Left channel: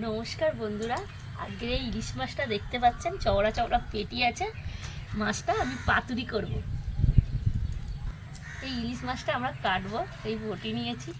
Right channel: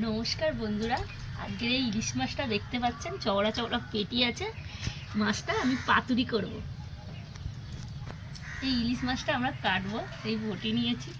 নমস্কার বন্ধুরা। আজকের এই ইলিশ মাছটা দেখতে পাচ্ছেন, চওড়া চওড়া পেটি আছে। মাছটা আমি পাতুরি করব। এই ইলিশ মাছটা আমরা কাটবো, এই বটি নিয়েছি।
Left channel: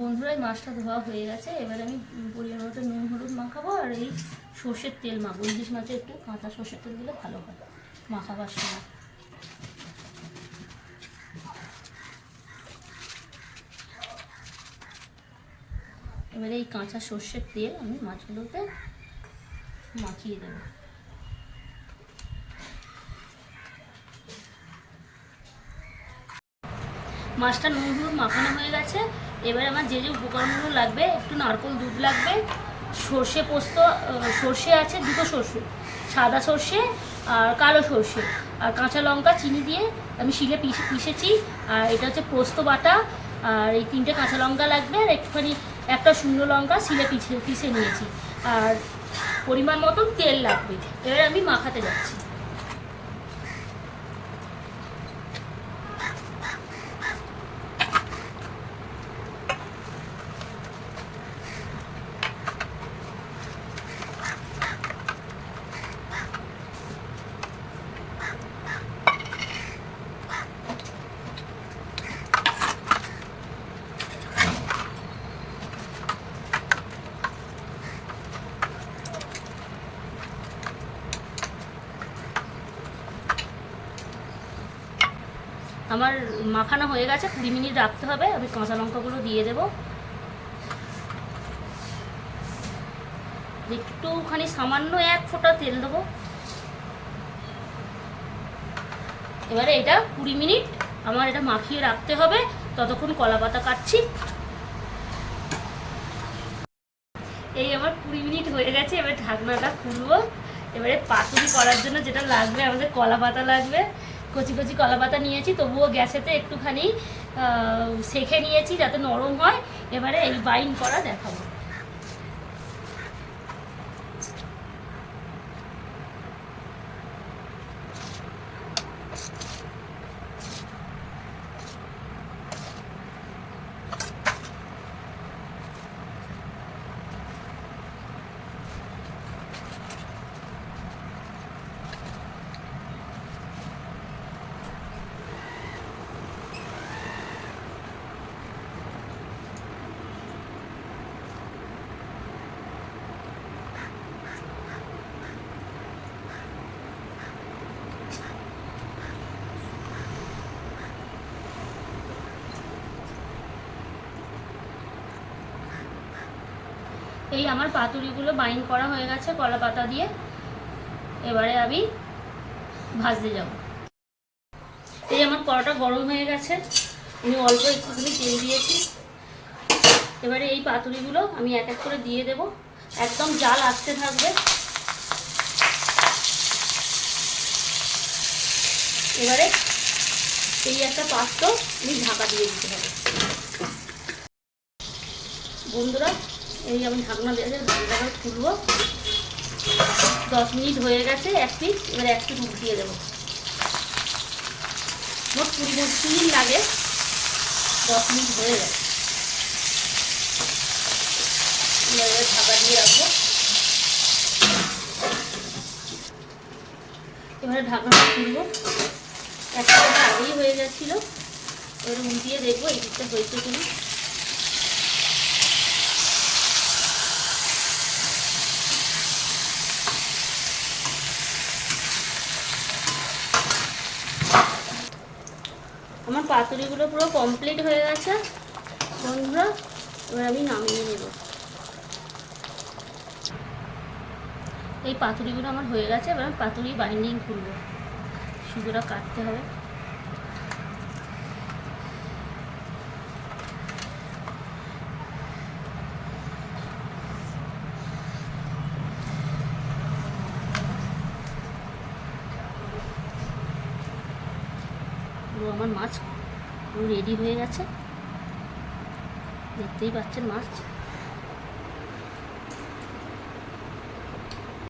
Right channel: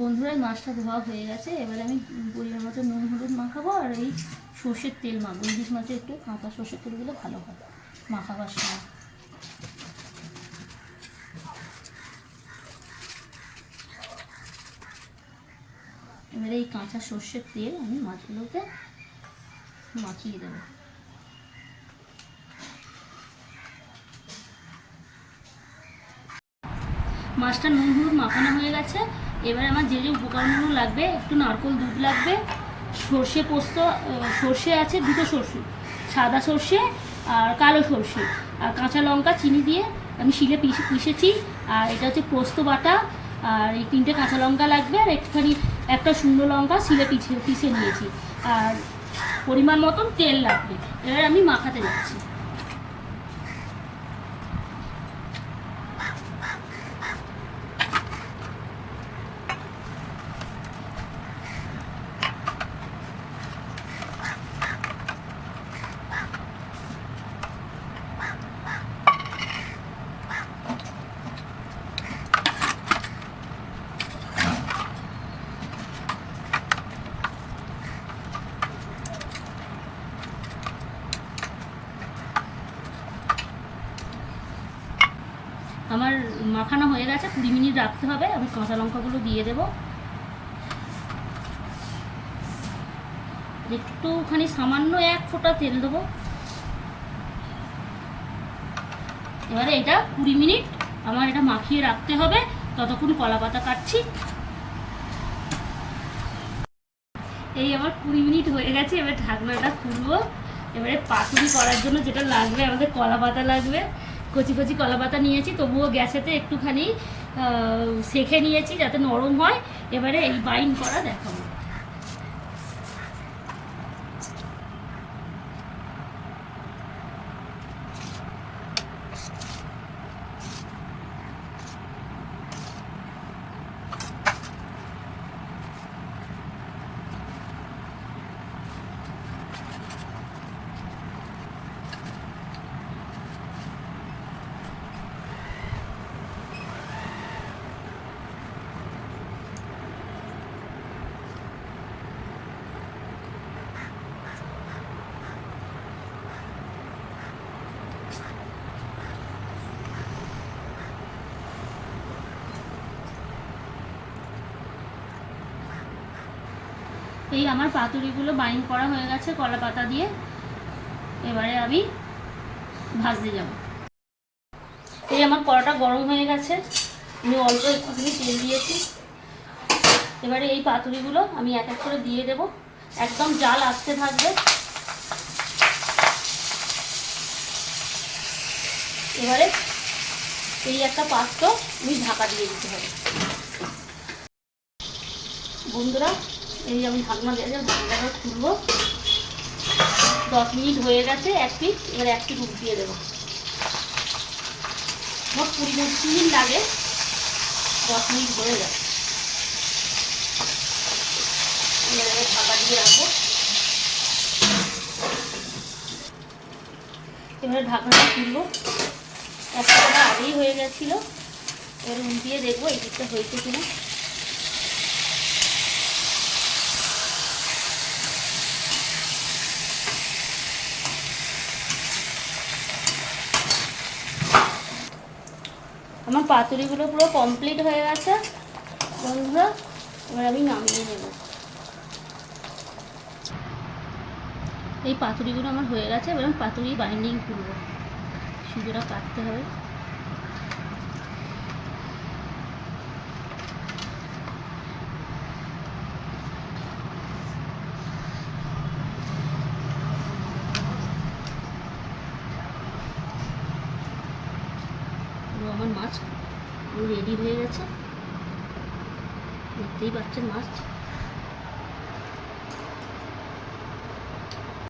বন্ধুরা মাছটা ধোয়া হয়ে গেছে। এবার আমি পরিমাণ মতো নুন, হলুদ মাখাবো, আর এই সর্ষের তেল মাখবো। ইলিশ মাছে একটু কাঁচা সর্ষের তেল দিলে ভালো হয় মাখাবার সময়। এবারে এই কাঁচা সর্ষের তেল আমি মাছগুলোতে মাখিয়ে দেবো। মাছটা নুন, হলুদ মাখানো হয়ে গেছে। এবার আমার যে যে উপকরণগুলো লাগবে, একটু নারকেল দুধ লাগবে, সর্ষে পোস্ত সর্ষে আছে দুটো সর্ষে, সাদা সর্ষে আর কালো সর্ষে, আর কাঁচা লঙ্কা, চিনি দিয়ে আমি শিলে পিষে পিষেছি, আর এটা হচ্ছে পোস্ত বাটা, আর এই তিনটে কাঁচা লঙ্কা লাগবে, আর একটুখানি একটা শুকনো লঙ্কা শিলে পিষে পিষে নিয়েছি, আর পরিমাণ মতন তেল লাগবে। এবার আমি মাখাতে যাচ্ছি। আমার মাখানো হয়ে গেছে, কুড়ি মিনিট রাখতে হবে, আমি কাঁচা লঙ্কাগুলো দিয়ে দেবো। একটুখানি সামান্য এক ফোঁটা তেল দেবো। এবারে এটা কুড়ি মিনিট আমার এটা মাখিয়ে রাখতে হবে, ততক্ষণ কলা পাতা কাটছি। এই আমার কুড়ি মিনিট হয়ে গেছে, এবার ঢাকনাটা খুলবো। এবারে পাতুরি করার জন্য যেটা লাগবে, আমাদের কলা পাতা লাগবে। কচি কচি কলা পাতা নিয়েছি, তবুও গ্যাসেতে একটুখানি সেঁকে নিয়েছি যাতে নরম হয়। এবারে এই বাইন করা দেখাবো। এই আমার পাতুরিগুলো বাইন করা হয়ে গেছে কলা পাতা দিয়ে। এবারে আমি ভাজতে যাব। এই আমার কড়াটা গরম হয়ে গেছে। আমি অল্প একটুখানি তেল দিয়েছি। এবারে এই পাতুরিগুলো আমি এক এক করে দিয়ে দেব। একদম জাল আসতে থাকবে। এবারে এই একটা পাত্র আমি ঢাকা দিয়ে দিতে হবে। বন্ধুরা এই আমি ঢাকনা দিয়ে ঢাকনাটা খুলবো দশ মিনিট হয়ে গেছে, এক পিস, এবার এক পিস উঠিয়ে দেবো। মোট কুড়ি পঁচিশ মিনিট লাগে, দশ মিনিট হয়ে গেছে। ঢাকা দিয়ে রাখব। এবারে ঢাকনাটা খুলবো একটা আগেই হয়ে যাচ্ছিল এবারে উল্টিয়ে দেখব এই দিকটা হয়েছে কিনা। আমার পাতুরিগুলো পুরো কমপ্লিট হয়ে গেছে। বন্ধুরা, এবার আমি নামিয়ে নেব। এই পাতুরিগুলো আমার হয়ে গেছে, এবার আমি পাতুরি বাইন্ডিং করব সুতোটা কাটতে হবে। পুরো আমার মাছ পুরো রেডি হয়ে গেছে। দেখতেই পাচ্ছেন মাছ।